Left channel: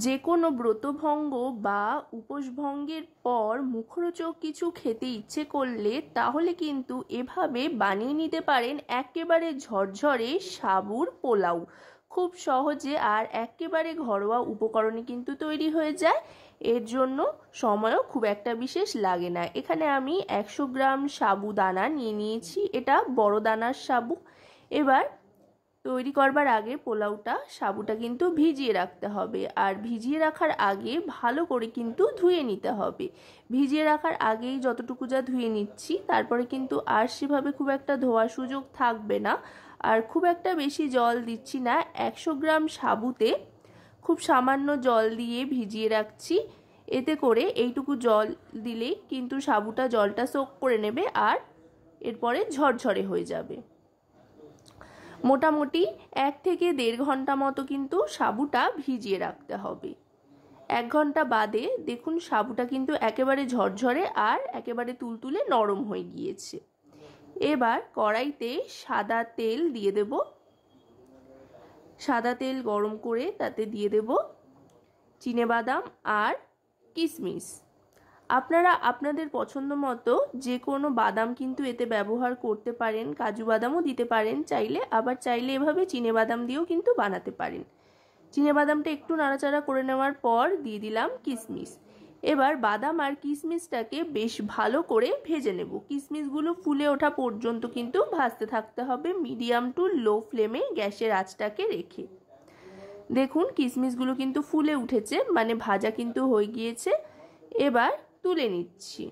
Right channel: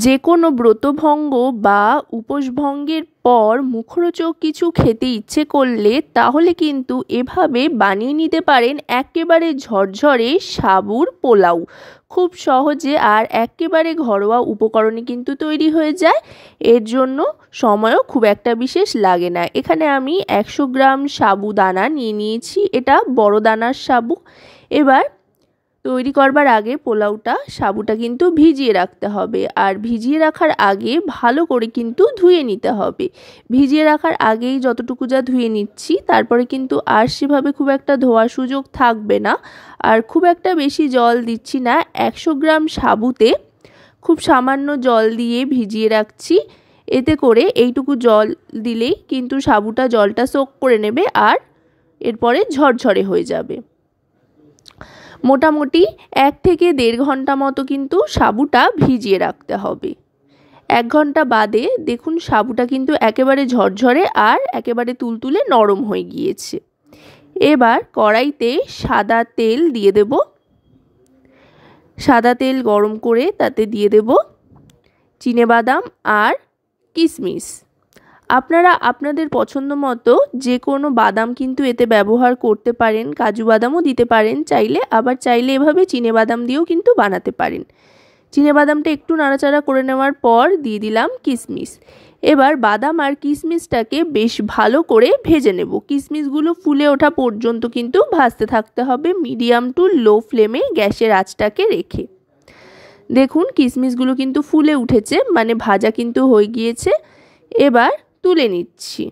যে কোনো ব্রতভঙ্গ বা উপোসভঙ্গের পর মুখরোচক কিছু খেতে ইচ্ছে করলে তাহলে কিন্তু এভাবে বানিয়ে নিতে পারেন একেবারে ঝরঝরে সাবুর পোলাও। খুব সহজে আর একেবারে ঘরোয়া উপকরণে কিন্তু তৈরি হয়ে যায়। এর জন্য সময়ও খুব একটা বিশেষ লাগে না। এখানে আমি 100 গ্রাম সাবুদানা নিয়ে নিয়েছি, এটা বড় দানার সাবু। এবার তৈরি করবার আগে পোলাওটা সাবুটা কিন্তু ভিজিয়ে রাখতে হবে, আর ভিজিয়ে রাখার আগে ভালো করে কিন্তু ধুয়ে নিতে হবে। ভিজিয়ে রাখার আগেই যতটুকু যা ধুয়ে নিচ্ছি, তারপরে কিন্তু আর সেভাবে খুব একটা ধোয়ার সুযোগ থাকবে না। আর খুব একটা বেশি জল দিচ্ছি না, 100 গ্রাম সাবুতে খুব সামান্য জল দিয়ে ভিজিয়ে রাখছি। এতে করে এইটুকু জল দিলেই কিন্তু সাবুটা জলটা সোক করে নেবে আর এরপরে ঝরঝরে হয়ে যাবে। মোটামুটি 1 থেকে 1.5 ঘন্টা মতো কিন্তু সাবুটা ভিজিয়ে রাখতে হবে। 1 ঘন্টা বাদে দেখুন সাবুটা কিন্তু একেবারে ঝরঝরে আর একেবারে তুলতুলে নরম হয়ে গিয়েছে। এবার কড়াইতে সাদা তেল দিয়ে দেব। সাদা তেল গরম করে তাতে দিয়ে দেব চিনেবাদাম আর কিশমিশ। আপনারা আপনাদের পছন্দ মতো যে কোনো বাদাম কিন্তু এতে ব্যবহার করতে পারেন, কাজু বাদামও দিতে পারেন চাইলে, আবার চাইলে এভাবে চিনেবাদাম দিয়েও কিন্তু বানাতে পারেন। চিনেবাদামটা একটু নাড়াচাড়া করে নেওয়ার পর দিয়ে দিলাম কিশমিশ। এবার বাদাম আর কিশমিশটাকে বেশ ভালো করে ভেজে নেব। কিশমিশগুলো ফুলে ওঠা পর্যন্ত কিন্তু ভাজতে থাকতে হবে মিডিয়াম টু লো ফ্লেমে গ্যাসের আঁচটাকে রেখে। দেখুন কিশমিশগুলো কিন্তু ফুলে উঠেছে, মানে ভাজা কিন্তু হয়ে গিয়েছে। এবার তুলে নিচ্ছি।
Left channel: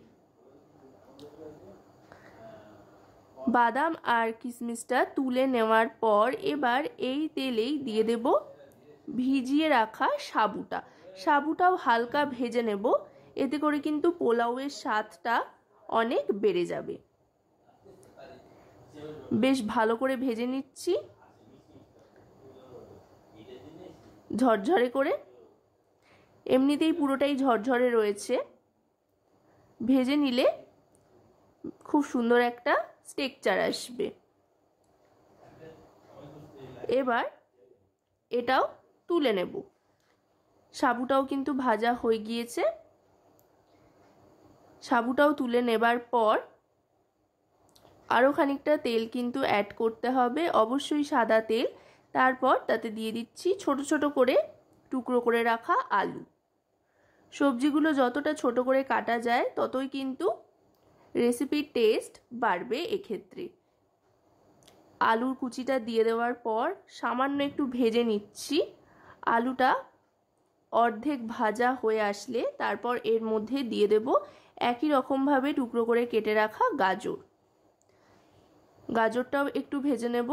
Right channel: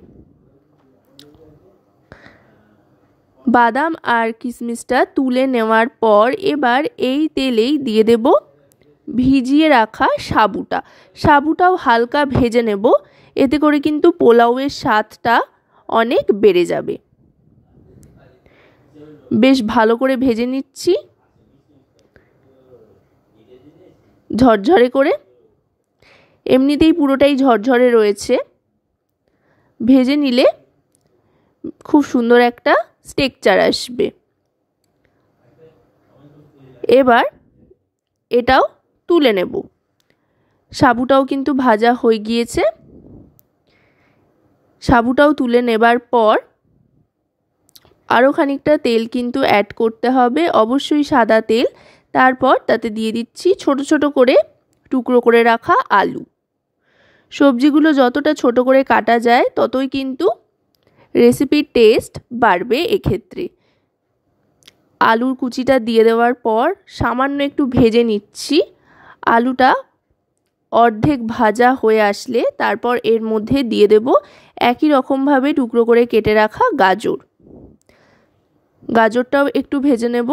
বাদাম আর কিশমিশটা তুলে নেওয়ার পর এবার এই তেলেই দিয়ে দেব ভিজিয়ে রাখা সাবুটা। সাবুটাও হালকা ভেজে নেব, এতে করে কিন্তু পোলাওয়ের স্বাদটা অনেক বেড়ে যাবে। বেশ ভালো করে ভেজে নিচ্ছি ঝরঝরে করে। এমনিতেই পুরোটাই ঝরঝরে রয়েছে, ভেজে নিলে খুব সুন্দর একটা টেক্সচার আসবে। এবার এটাও তুলে নেব। সাবুটাও কিন্তু ভাজা হয়ে গিয়েছে। সাবুটাও তুলে নেবার পর আরও খানিকটা তেল কিন্তু অ্যাড করতে হবে, অবশ্যই সাদা তেল। তারপর তাতে দিয়ে দিচ্ছি ছোট ছোট করে টুকরো করে রাখা আলু। সবজিগুলো যতটা ছোট করে কাটা যায় ততই কিন্তু রেসিপির টেস্ট বাড়বে এক্ষেত্রে। আলুর কুচিটা দিয়ে দেওয়ার পর সামান্য একটু ভেজে নিচ্ছি। আলুটা অর্ধেক ভাজা হয়ে আসলে তারপর এর মধ্যে দিয়ে দেব একই রকমভাবে টুকরো করে কেটে রাখা গাজর। গাজরটাও একটু ভেজে নেব।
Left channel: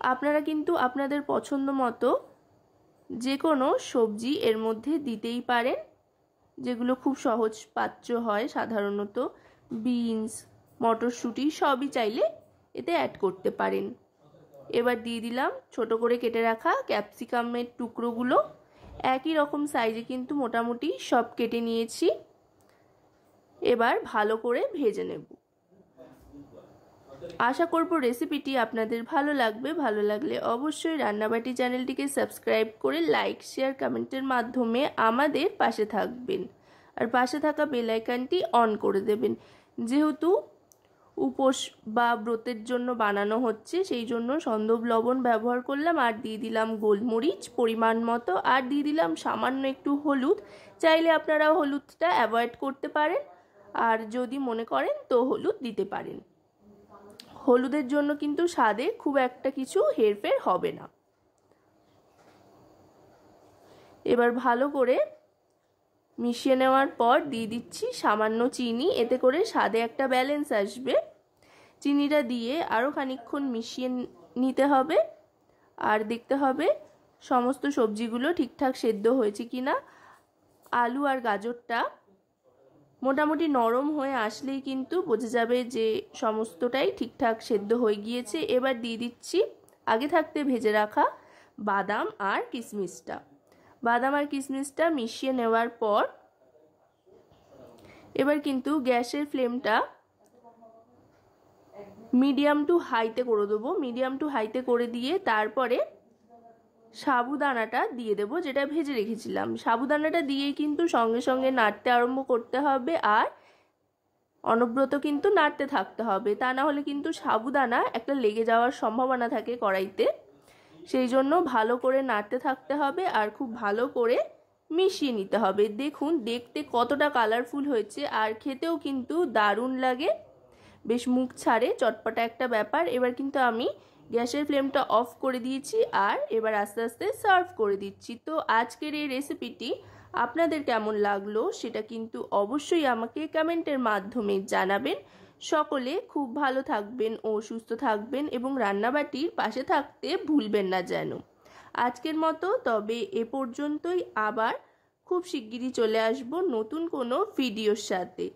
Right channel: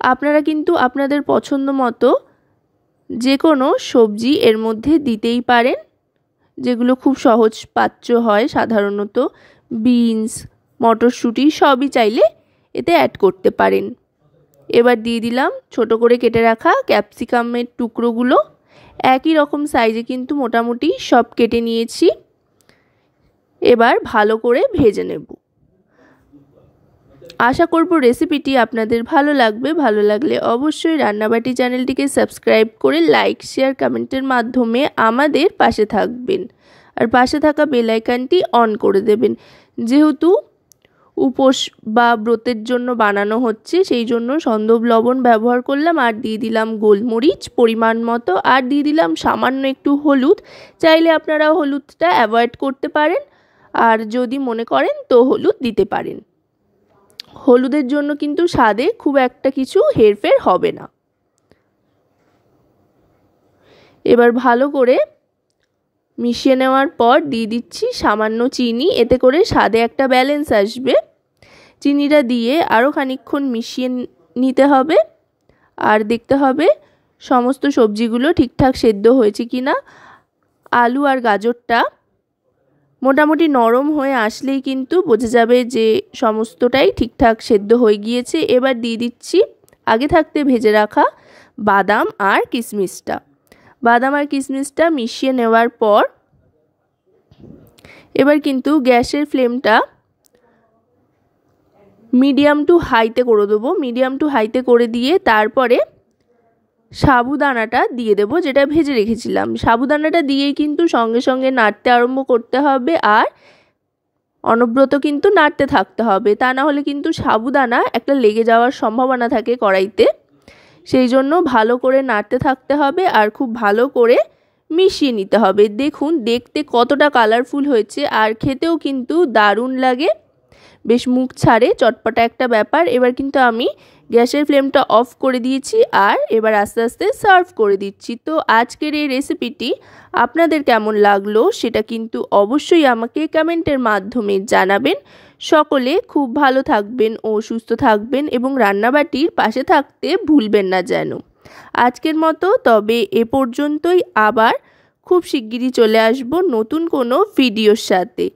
আপনারা কিন্তু আপনাদের পছন্দ মতো যে কোনো সবজি এর মধ্যে দিতেই পারেন, যেগুলো খুব সহজ পাচ্য হয় সাধারণত। বিনস, মটরশুঁটি সবই চাইলে এতে অ্যাড করতে পারেন। এবার দিয়ে দিলাম ছোট করে কেটে রাখা ক্যাপসিকামের টুকরোগুলো। একই রকম সাইজে কিন্তু মোটামুটি সব কেটে নিয়েছি। এবার ভালো করে ভেজে নেব। আশা করব রেসিপিটি আপনাদের ভালো লাগবে। ভালো লাগলে অবশ্যই রান্নাবাটি চ্যানেলটিকে সাবস্ক্রাইব করে লাইক, শেয়ার, কমেন্টের মাধ্যমে আমাদের পাশে থাকবেন। আর পাশে থাকা বেল আইকনটি অন করে দেবেন। যেহেতু উপোস বা ব্রতের জন্য বানানো হচ্ছে, সেই জন্য সন্দব লবণ ব্যবহার করলাম, আর দিয়ে দিলাম গোলমরিচ পরিমাণ মতো, আর দিয়ে দিলাম সামান্য একটু হলুদ। চাইলে আপনারা হলুদটা অ্যাভয়েড করতে পারেন, আর যদি মনে করেন তো হলুদ দিতে পারেন। হলুদের জন্য কিন্তু স্বাদে খুব একটা কিছু হেরফের হবে না। এবার ভালো করে মিশিয়ে নেওয়ার পর দিয়ে দিচ্ছি সামান্য চিনি, এতে করে স্বাদে একটা ব্যালেন্স আসবে। চিনিটা দিয়ে আরও খানিকক্ষণ মিশিয়ে নিতে হবে, আর দেখতে হবে সমস্ত সবজিগুলো ঠিকঠাক সেদ্ধ হয়েছে কিনা। আলু আর গাজরটা মোটামুটি নরম হয়ে আসলেই কিন্তু বোঝা যাবে যে সমস্তটাই ঠিকঠাক সেদ্ধ হয়ে গিয়েছে। এবার দিয়ে দিচ্ছি আগে থাকতে ভেজে রাখা বাদাম আর কিশমিশটা। বাদাম আর কিশমিশটা মিশিয়ে নেওয়ার পর এবার কিন্তু গ্যাসের ফ্লেমটা মিডিয়াম টু হাইতে করে দেবো। মিডিয়াম টু হাইতে করে দিয়ে তারপরে সাবুদানাটা দিয়ে দেবো, যেটা ভেজে রেখেছিলাম। সাবুদানাটা দিয়েই কিন্তু সঙ্গে সঙ্গে নাড়তে আরম্ভ করতে হবে, আর অনবরত কিন্তু নাড়তে থাকতে হবে, তা না হলে কিন্তু সাবুদানা একটা লেগে যাওয়ার সম্ভাবনা থাকে কড়াইতে। সেই জন্য ভালো করে নাড়তে থাকতে হবে আর খুব ভালো করে মিশিয়ে নিতে হবে। দেখুন দেখতে কতটা কালারফুল হয়েছে, আর খেতেও কিন্তু দারুণ লাগে, বেশ মুখ ছাড়ে, চটপটা একটা ব্যাপার। এবার কিন্তু আমি গ্যাসের ফ্লেমটা অফ করে দিয়েছি, আর এবার আস্তে আস্তে সার্ভ করে দিচ্ছি। তো আজকের এই রেসিপিটি আপনাদের কেমন লাগলো সেটা কিন্তু অবশ্যই আমাকে কমেন্টের মাধ্যমে জানাবেন। সকলে খুব ভালো থাকবেন ও সুস্থ থাকবেন, এবং রান্নাবাটির পাশে থাকতে ভুলবেন না যেন। আজকের মতো তবে এ পর্যন্তই। আবার খুব শিগগিরই চলে আসব নতুন কোনো ভিডিওর সাথে।